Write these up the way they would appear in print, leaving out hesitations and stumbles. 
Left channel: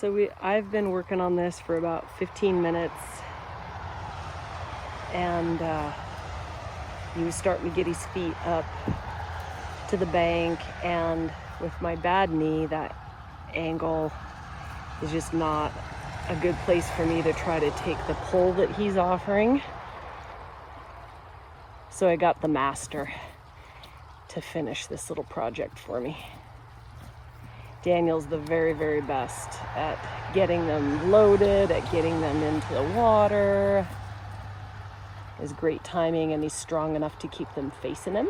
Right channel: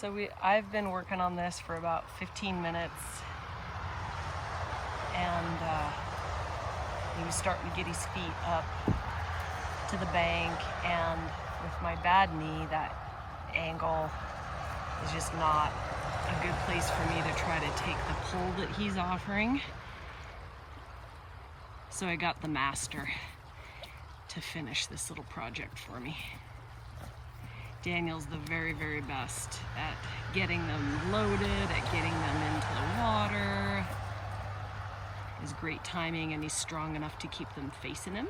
So I've been working on this for about 15 minutes, and he was starting to get his feet up to the bank, and with my bad knee, that angle is just not a good place for me to try to take the pull that he's offering. So I got the master to finish this little project for me. Daniel's the very, very best at getting them loaded, at getting them into the water. It was great timing, and he's strong enough to keep them facing him.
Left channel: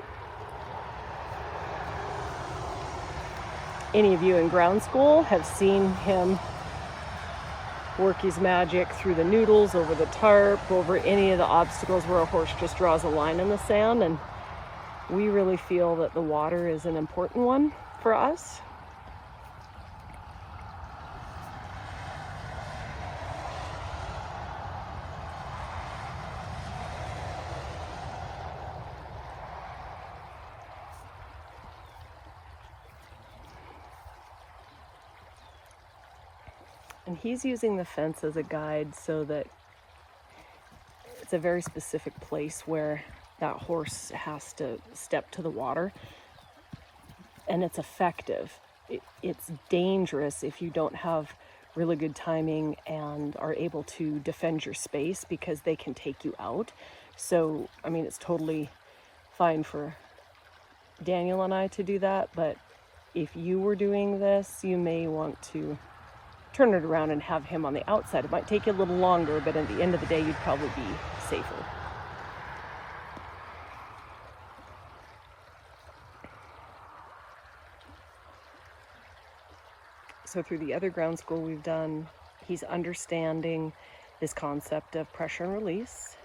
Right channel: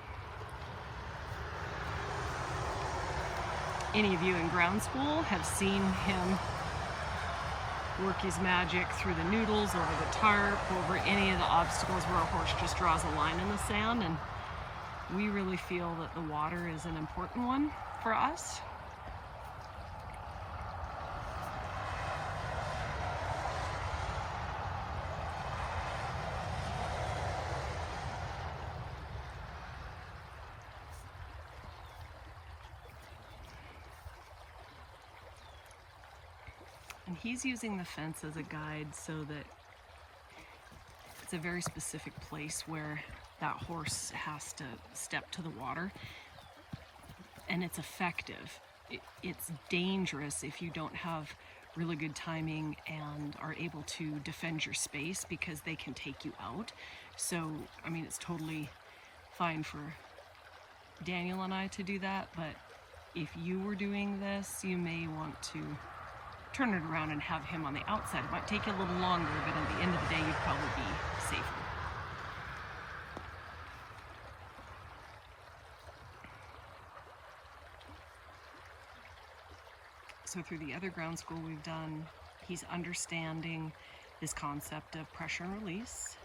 Any of you in ground school have seen him work his magic through the noodles, over the tarp, over any of the obstacles where a horse just draws a line in the sand, and we really feel that the water is an important one for us. And he's using the fence as a guide so that it's a very specific place where that horse has to step to the water, and it's effective. It's dangerous if you don't have really good timing and are able to defend your space, because they can take you out. So, I mean, it's totally fine for Daniel and I to do that, but if you were doing this, you may want to turn it around and have him on the outside. It might take you a little longer, but at the end of the day, you'd probably be safer. So through the other ground school we've done, he's understanding this concept of pressure and release.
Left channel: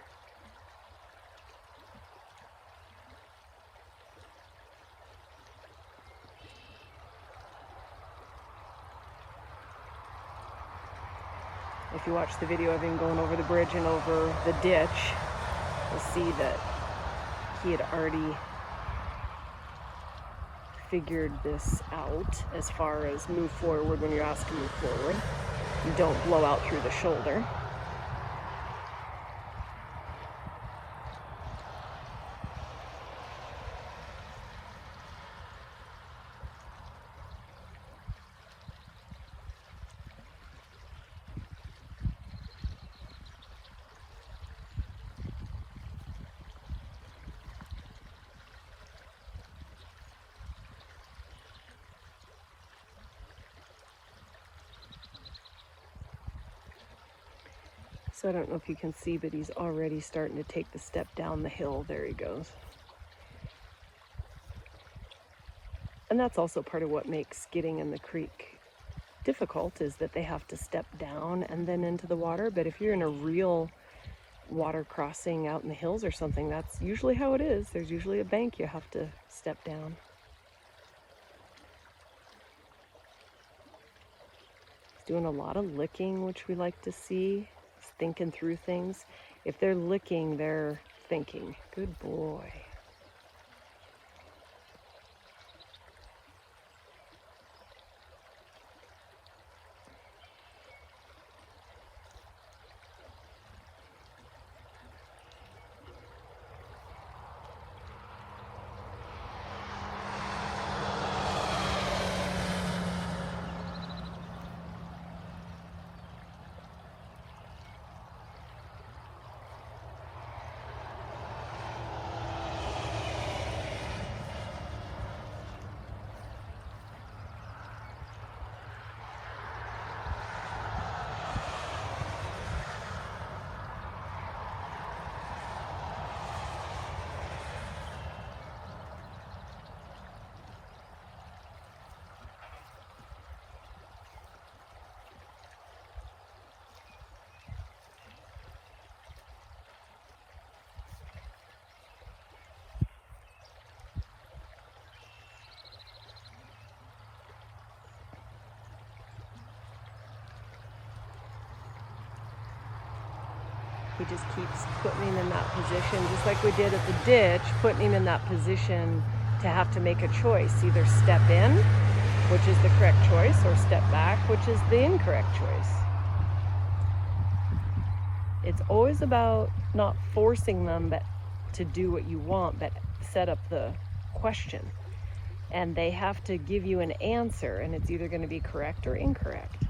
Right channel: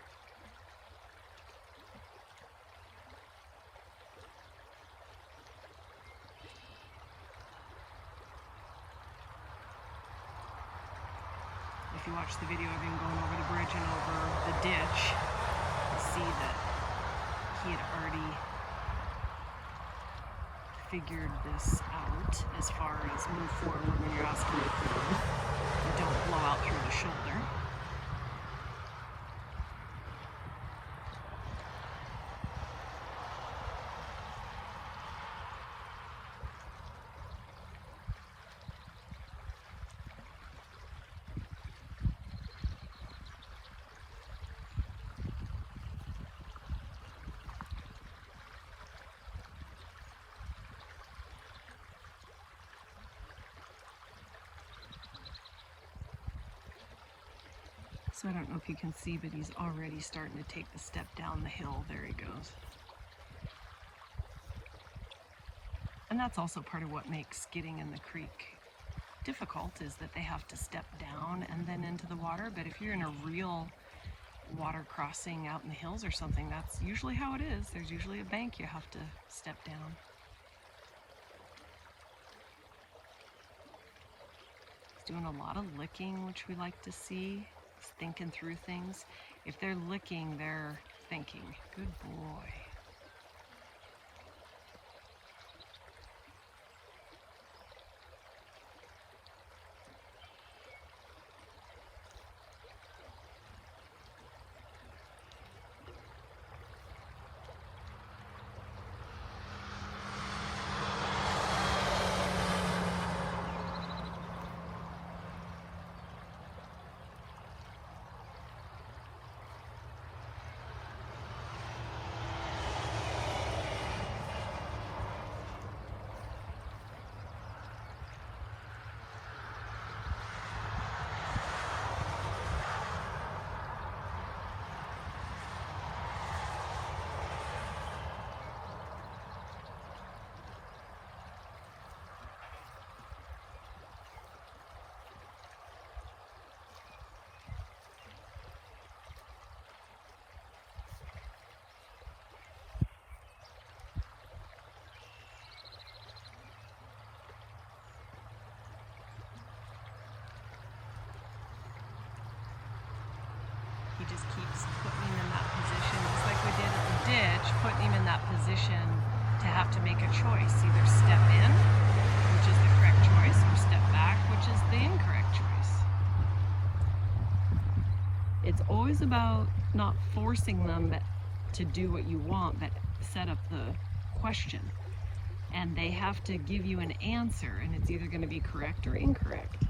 If you watch the video, I've been going over the bridge and over the ditch. You'll see that he had already figured this out as far as move forward when you're asked to move forward. You don't blow out through the shoulder. So I don't know if you can see, but he's already starting to take the step down the hill. There he goes. And that's also part of what makes getting in the creek difficult, is that they have to step down and then into the water. But if you're in a real water crossing out in the hills or something, that's usually how it is. There's usually a bank you have to step down. He's doing a lot of licking, which we like to see. Thinking through things. If they're licking, they're thinking. Good boy. He just keeps putting him in that position, just like we did at the ditch, putting him in that position to have to make a choice, either step in which is the correct choice, or step back, which is the incorrect choice. It's always about not forcing them to do what you want, but set up the question. And they have to give you an answer, and it's either going to be correct or incorrect.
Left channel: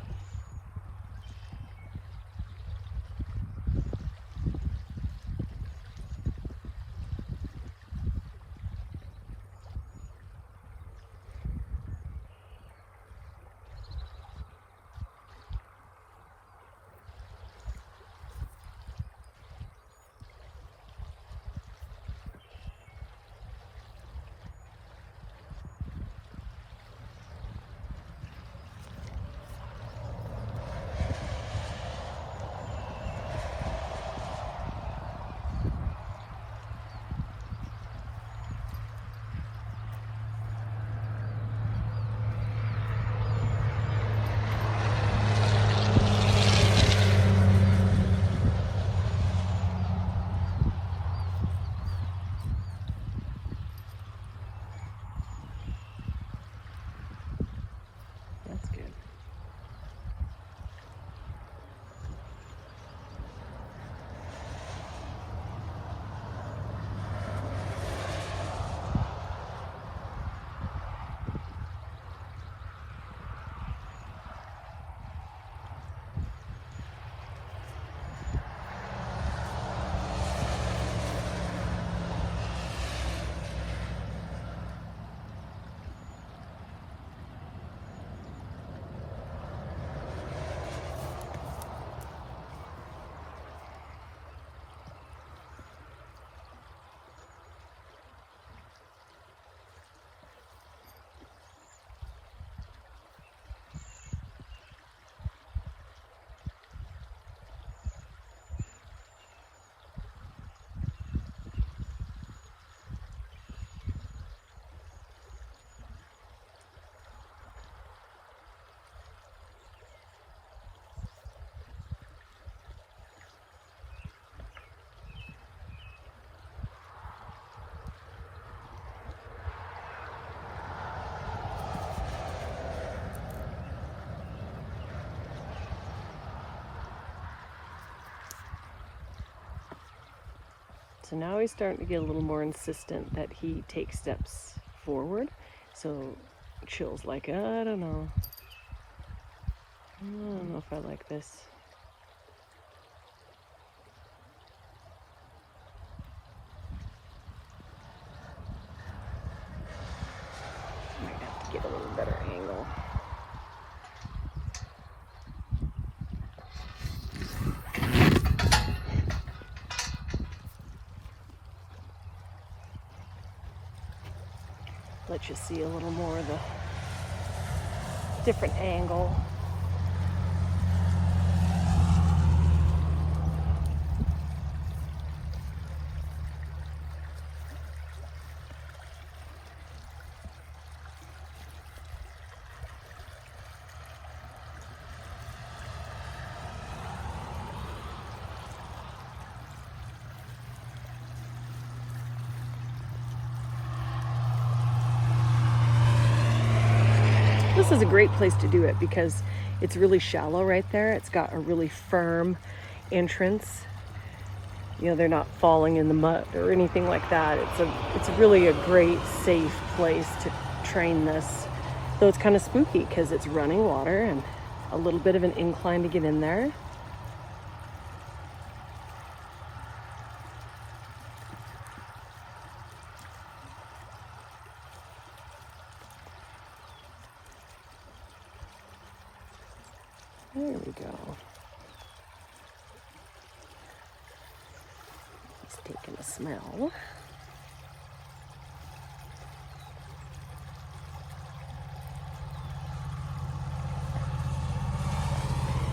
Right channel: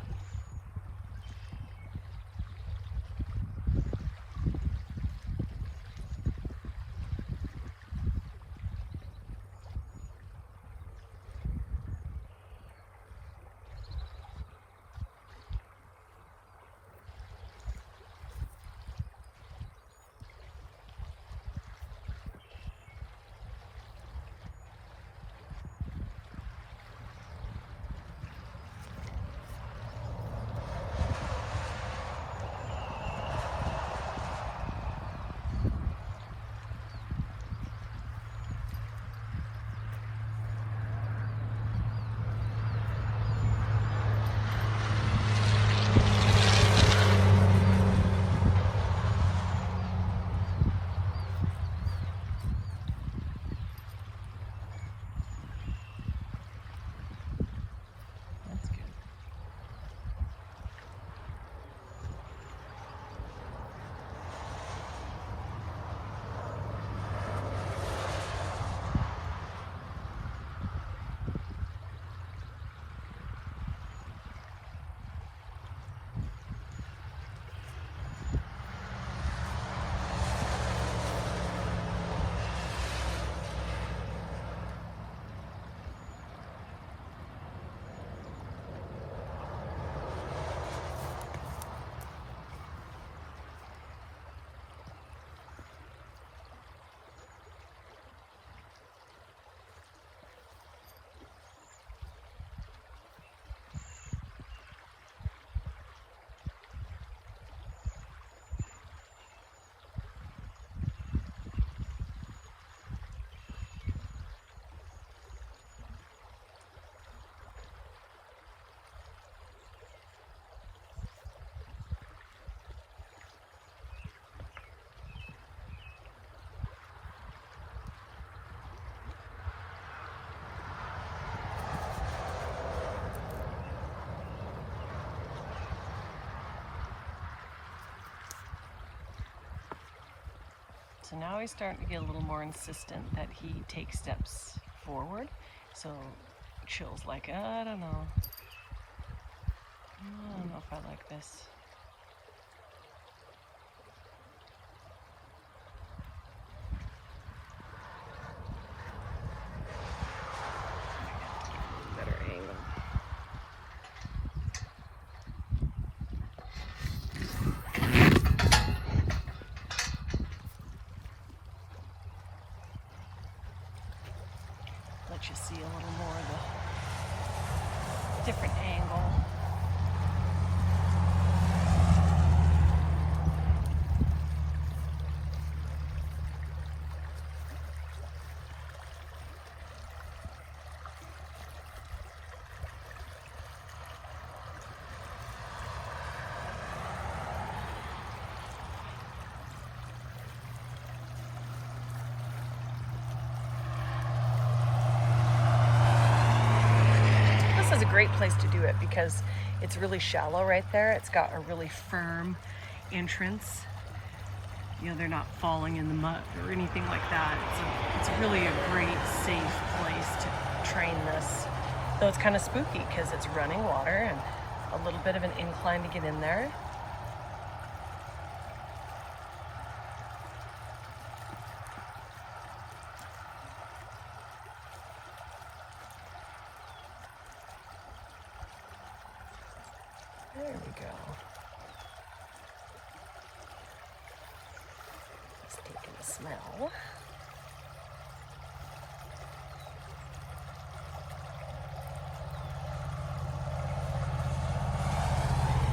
So now he's starting to get a little more insistent that he takes steps forward. So Chill's like, I don't know if I like this. I might have to get a little better angle. Let you see a little more of the different angle. This is a great place to do it because it's really shallow right there. It's got a really firm entrance. You know, they're not falling in the mud or anything like that. It's really a great, safe place to train this. Though it's kind of spooky because it's running water and a little bit of an incline to get in there. There we go. Let's take a smell.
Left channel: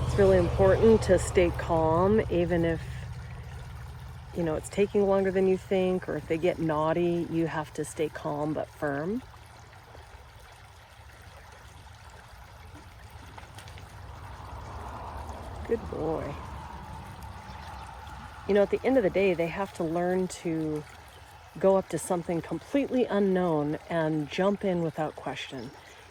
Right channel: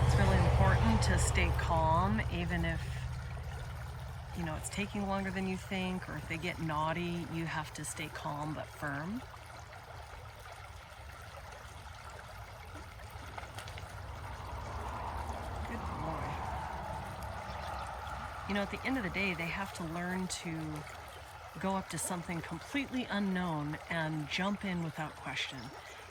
It's really important to stay calm, even if, you know, it's taking longer than you think, or if they get naughty, you have to stay calm but firm. Good boy. You know, at the end of the day, they have to learn to go up to something completely unknown and jump in without question.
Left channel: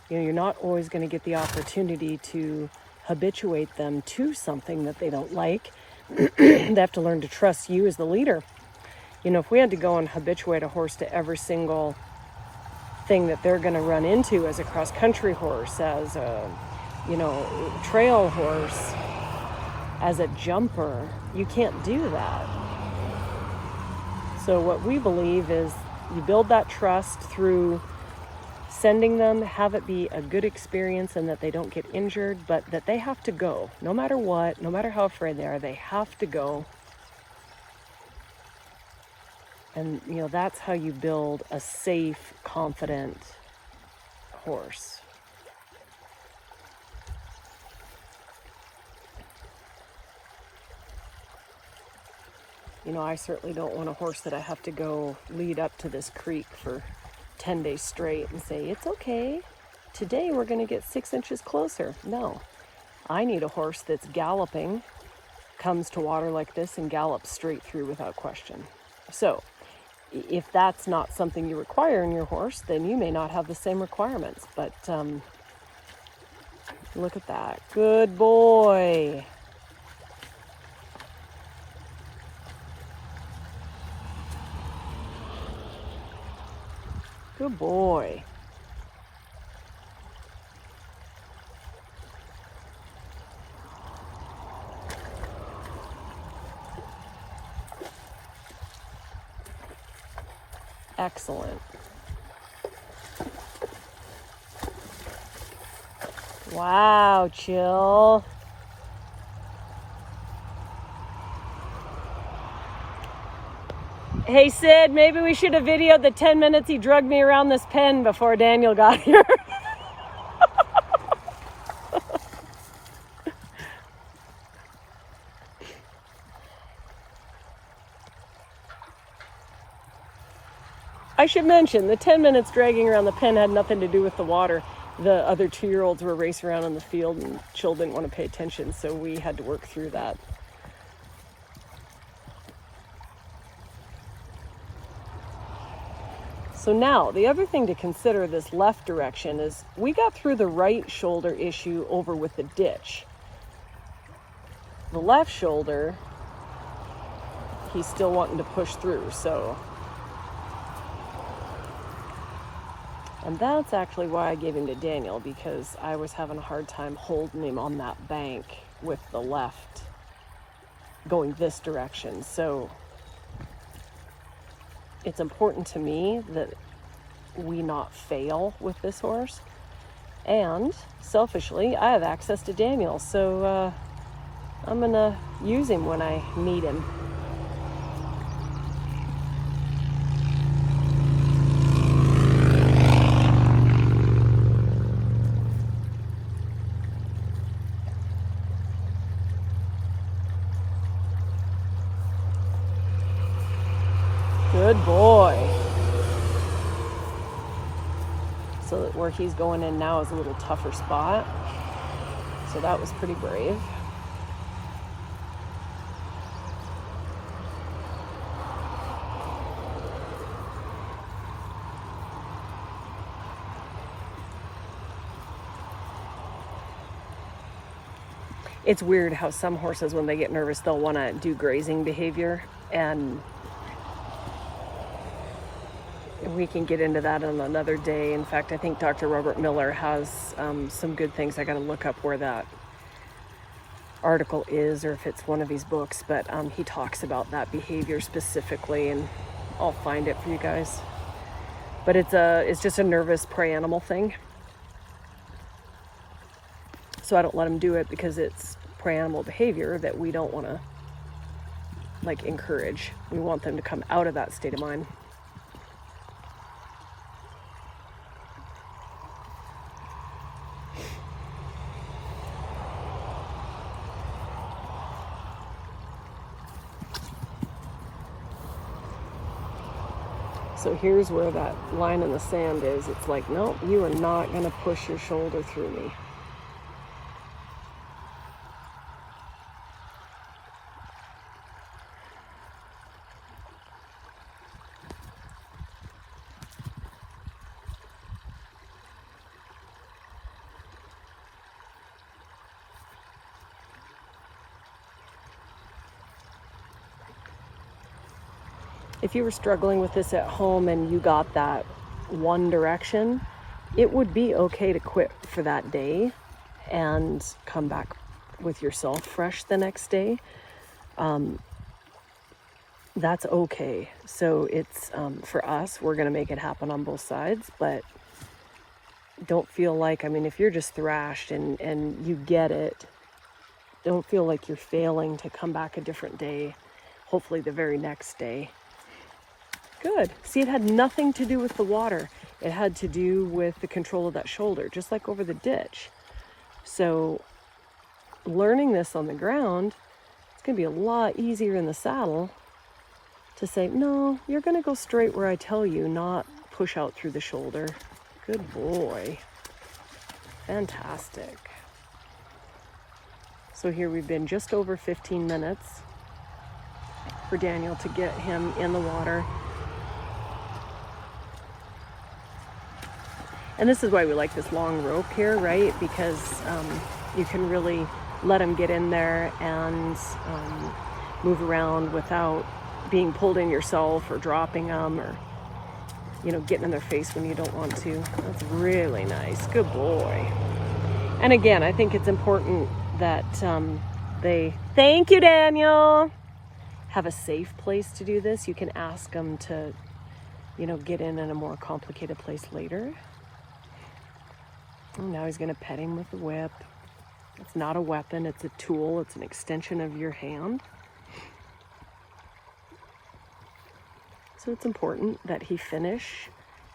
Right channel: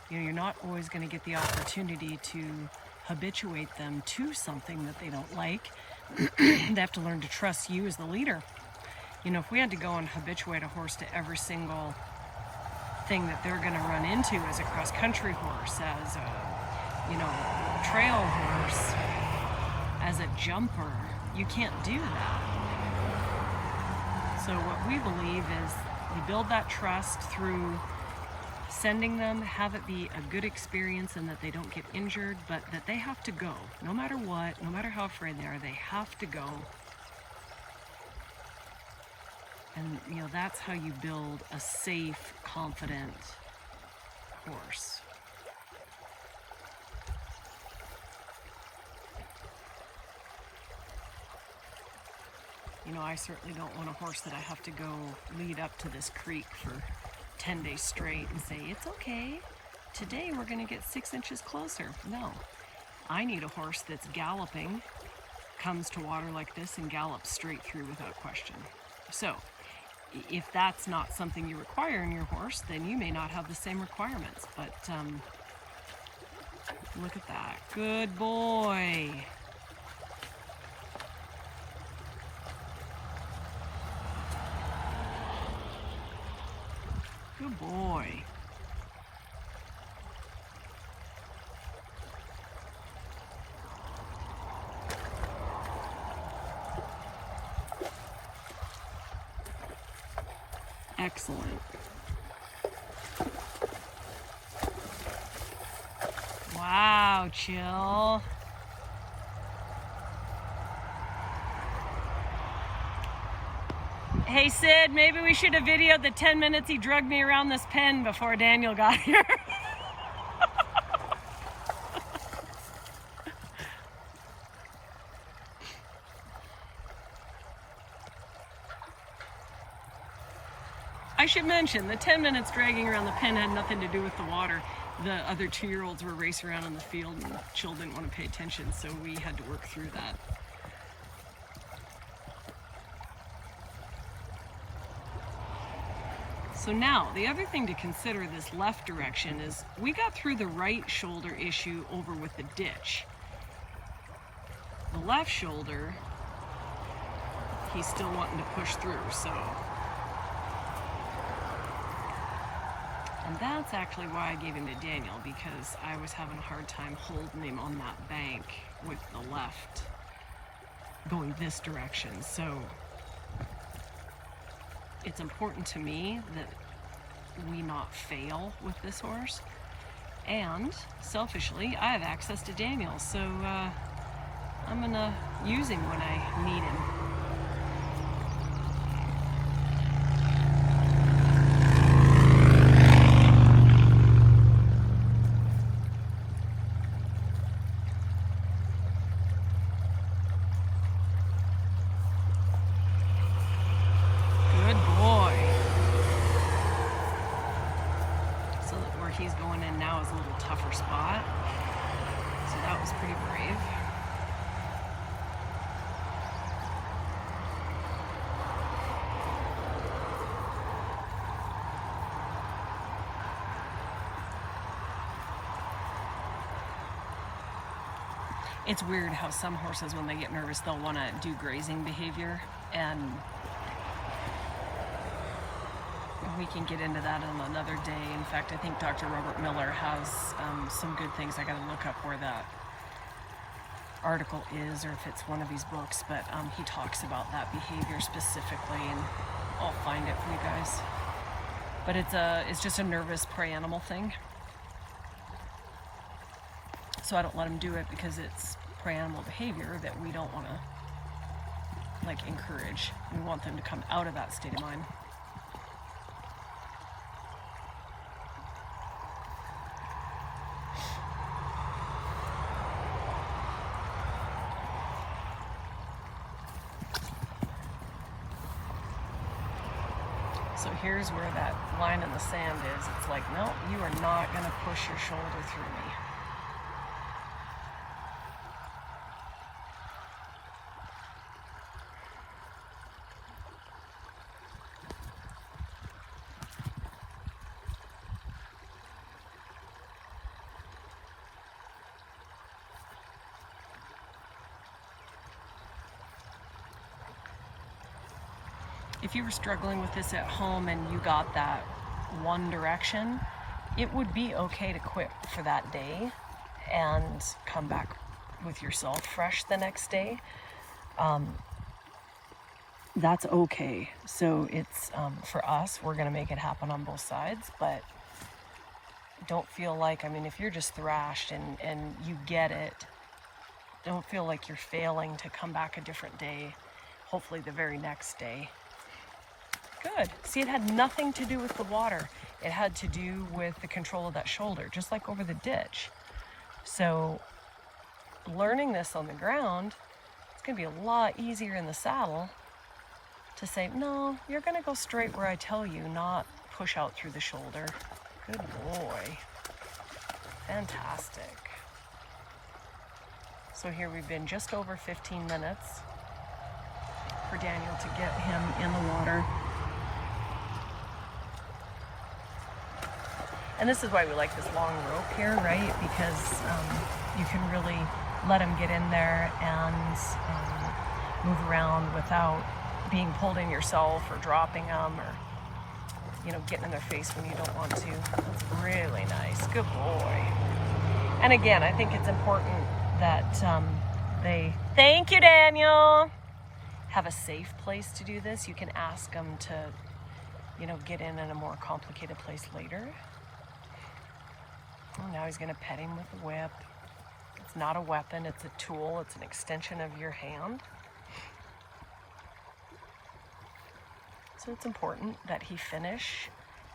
You're not always going to get the opportunity to habituate them to something that they don't like. They have to learn to trust you as the leader. If we had to go and habituate a horse to every single thing that they're going to run into as a cross-country horse, as a trail horse, as a jumper, you can't do that. So what we believe is you build that trust through sending them, have it be a good experience and that they don't get injured, but that they have to go. No matter what, no matter how afraid they are, they have to go. And, that's how you build a safe, confident horse. I certainly don't want a horse that I have to go lead up to this creek for 10 days straight and say, it's okay, today we're going to get 6 inches closer. No, I need a horse that's galloping, comes to water like this and gallops straight through without question. So if that's not something you require in your horse, then you may not have the same requirements. But look at that. Good boy. Good boy. Excellent. Wow, chill. Hey Sid, maybe we should have videoed the 10 minutes he drugged me around this pen before Daniel got here. I should mention, the 10 minutes dragging around the pen had nothing to do with the water. The other 2-year-olds were racing around in the field and Chill didn't want to pay attention, so we had to work through that. So now, the other thing to consider this left direction is we got through the right shoulder issue over with the ditch. The left shoulder, he's still wanting to push through, so. And that's actually why I gave him to Daniel, because I was having a hard time holding him on that bank with the left going this direction. So it's important to me that we not fail with this horse. And selfishly, I have access to Daniel, so I'm gonna use him when I need him. Good boy. So where he's going in now is a little tougher spot. So that was pretty brave. It's weird how some horses, when they get nervous, they'll want to do grazing behavior, and we can get into that on another day. In fact, I think Dr. Robert Miller has some good things. I got to look up where that article is, or if it's one of his books, but he talks about that behavior specifically, and I'll find it for you guys. But it's just a nervous prey animal thing. So I don't let them do it because it's prey animal behavior that we don't want to encourage. We want them to come out of that state of mind. So here's where that line in the sand is. It's like, no, you are not going to push your shoulder through me. if you were struggling with this at home and you got that one direction, it would be okay to quit for that day and come back with yourself fresh the next day. That's okay. So it's for us, we're gonna make it happen on both sides, but don't feel like, I mean, if you're just thrashed and you get it, don't feel like you're failing to come back a different day, hopefully the very next day. Good. See, it had nothing to do with the water. It had to do with the control of that shoulder, just like over the ditch. So learning this on the ground, it's going to be a lot easier in the saddle to say, no, you're going to go straight where I tell you, not push out through the shoulder. Good boy. Fantastic. So here we've been just over 15 minutes for Daniel to get him in the water. And this is why we like this long rope here, right? Because you can really let him get in there and move around without being pulled in yourself or dropping them or, you know, getting in their face when you don't want to. That's really nice. Good boy. And again, I think it's important that they, thank you, Daniel, have a safe place to do this. You can ask them to, you know, get in a more complicated place later. And now he's going to pet him with a whip. It's not a weapon, it's a tool. It's an extension of your hand. So it's important that he finish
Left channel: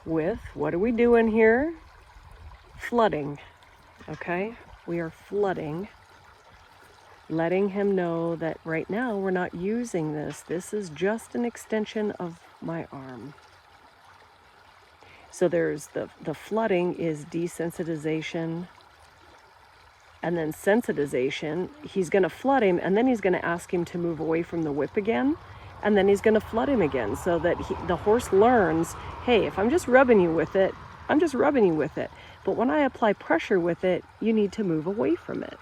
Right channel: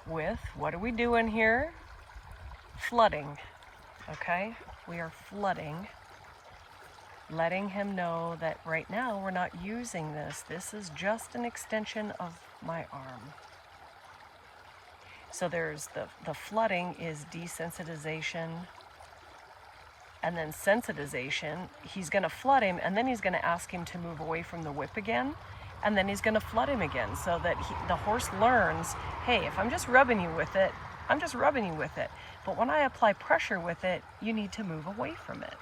with, what are we doing here? Flooding, okay? We are flooding, letting him know that right now we're not using this. This is just an extension of my arm. So there's the flooding is desensitization, and then sensitization. He's going to flood him, and then he's going to ask him to move away from the whip again, and then he's going to flood him again, so that the horse learns, hey, if I'm just rubbing you with it, I'm just rubbing you with it. But when I apply pressure with it, you need to move away from it.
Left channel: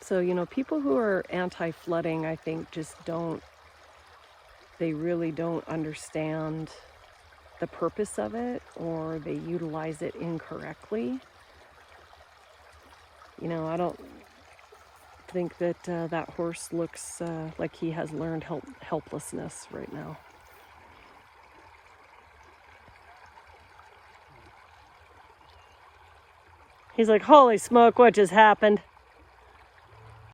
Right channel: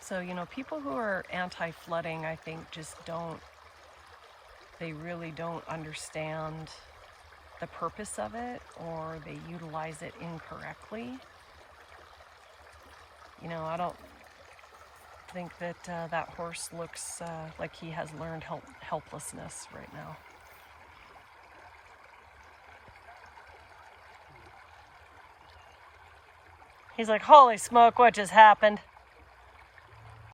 So, you know, people who are anti-flooding, I think, just don't, they really don't understand the purpose of it, or they utilize it incorrectly. You know, I don't think that that horse looks like he has learned helplessness right now. He's like, holy smoke, what just happened?